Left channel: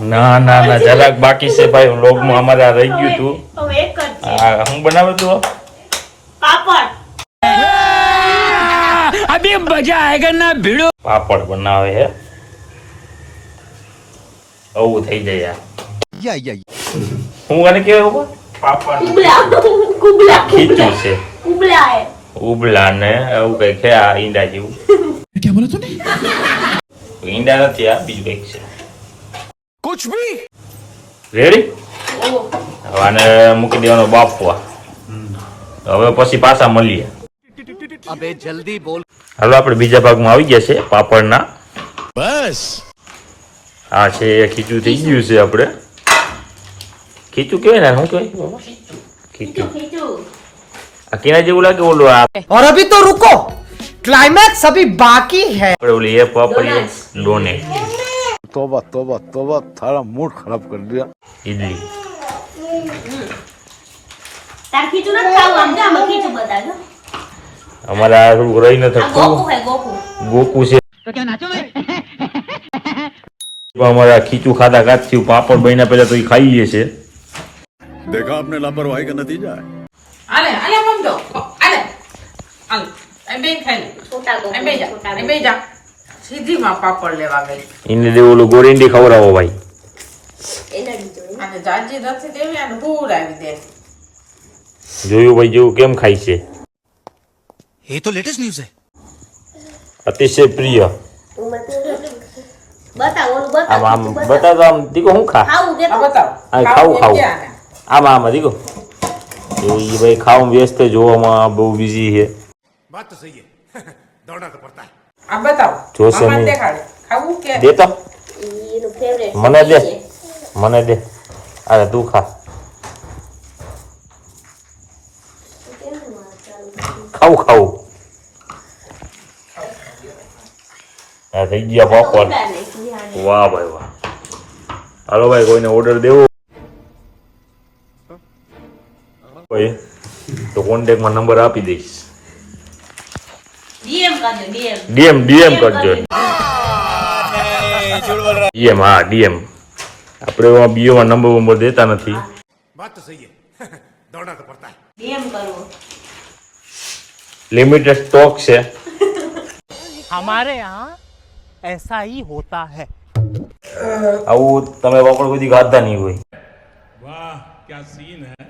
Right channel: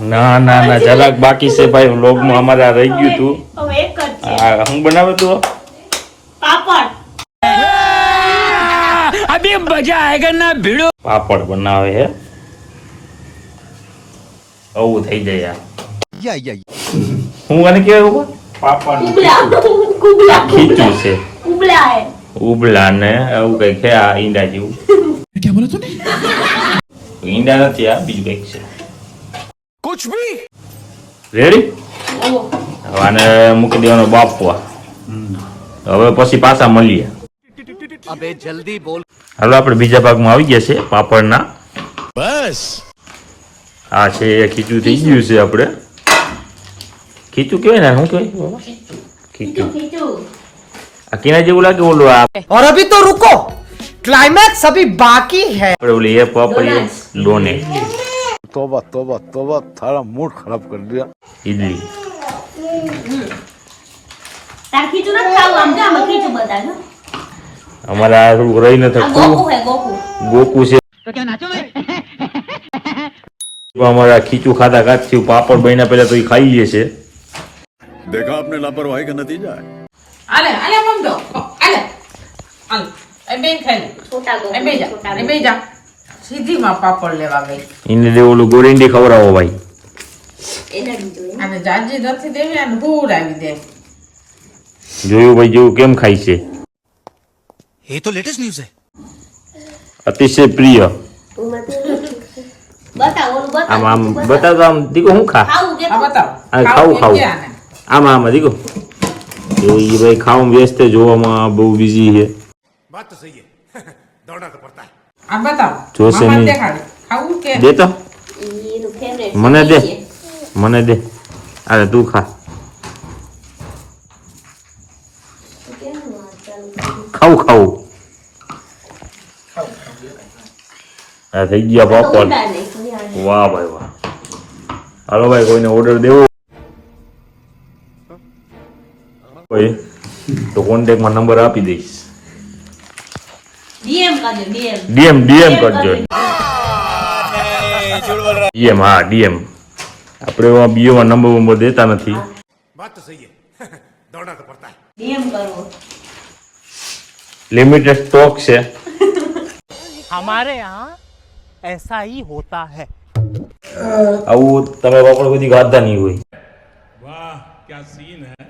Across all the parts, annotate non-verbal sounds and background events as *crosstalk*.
ના ના ના જરાક બાકી છે ભાઈ વ્લોગ ને અમારા રહી ગયું તું. હું બનાવે તો? પાપડ. અભી મજા આયેગા ના ભીડો. પાપડ બનાવે હે. આવું થઈ જાય યા યા હું આને કેવું પાપડ ઉબલા. ખીચી છે. ઉબલા હે. ઉબલા ને આવું કે આ ઈંડા જેવું. કે બોલો તું ને? ઈંડા નથી આ બીજું કંઈક છે. લક્ષ્મી રેડી અને મૂકી દેવાનો બાપવા હવે પછી પાછા મળીએ. અબે જલ્દી બોલ. હવે આપણે બીજા ભાગમાં આવી ગયા છે પાપડના. બસ. આ છે ખીચું થઈ ગયું છે આપણે. ખીચું કે ને શું કે? ખીચું. આ કેના જેવું લાગે બોલો આ? ઓર અભી તો રુકો ક્લાઇમેક્સ અભી બાકી હે આપણે બોલે એ પોપ લોને. તોબા તોબા તોબા તારા મૂડ ખરાબ કરી દીધા ઇડલી અમારા રહી નથી. ગોકુ છે. પાપડ બન્યા પહેલા તો એ ખાઈ જશે દેખા આપને લાપરવાહી કે નથી જાય? સીધીમાં પાપડ લેવા ગઈ. ઇન્દ્રીઓનો ગોરીંડી ખવડાવો ભાઈ. અને જાજી નથી દેવી અને ભૂર આવી દે. જોયું ભાઈ જેવું કેમ ખાય છે? એ તો લેટેસ્ટ ન્યૂઝ છે. અતિશય પ્રિય. આમ આમ બતાવો. આમ દીકો હું ખા? આ બતાવો. આ ખાવું ખાવું આમ આમ દીકો એ ભાઈ ખાવું વ્યસ્ત જોવામાં બહુ બીજી છે. વાત તો સહી હે *laughs* દોડના તો પડતા. હે આ બતાવો. જોશે નહીં. દેખાડે. ખાવું કે? દે તો. મને દે. મને દે. આ તું ખા. ખાવું ખાવું. આ થઈ ગયા દઈશ. વાહ હાલો ભાઈ કોઈને ઓર્ડર દેવો. તો કોન્ટેક્ટમાં નંબર આપી દઈશ. DM કરજો DM ડીએમ ડીએમ DM કરજે કરજો ડીએમ હા ડીએમ આપણે આ બીઓ નંબર નંબર દેતા નથી बात तो सही है *laughs* दौड़ना तो पड़ता है DM કરો લિમિટેડ સ્ટોક છે हमारे यहाँ ऐसा ही होता है આવું તમે પાપડ બધી ગાતા નહીં હોય वाह क्या सीन है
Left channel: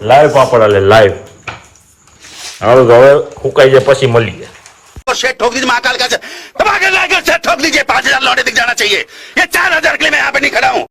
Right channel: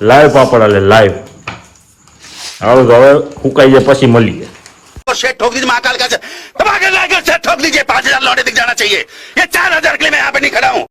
લાઈવ પાપડ એટલે લાઈવ હવે હવે સુકાઈ જાય પછી મળીએ शेट ठोक दीजिए महाकाल का धमाके लाकर सेट ठोक दीजिए पांच हजार लौटे दिख जाना चाहिए ये चार हजार के लिए मैं यहाँ पे नहीं खड़ा हूँ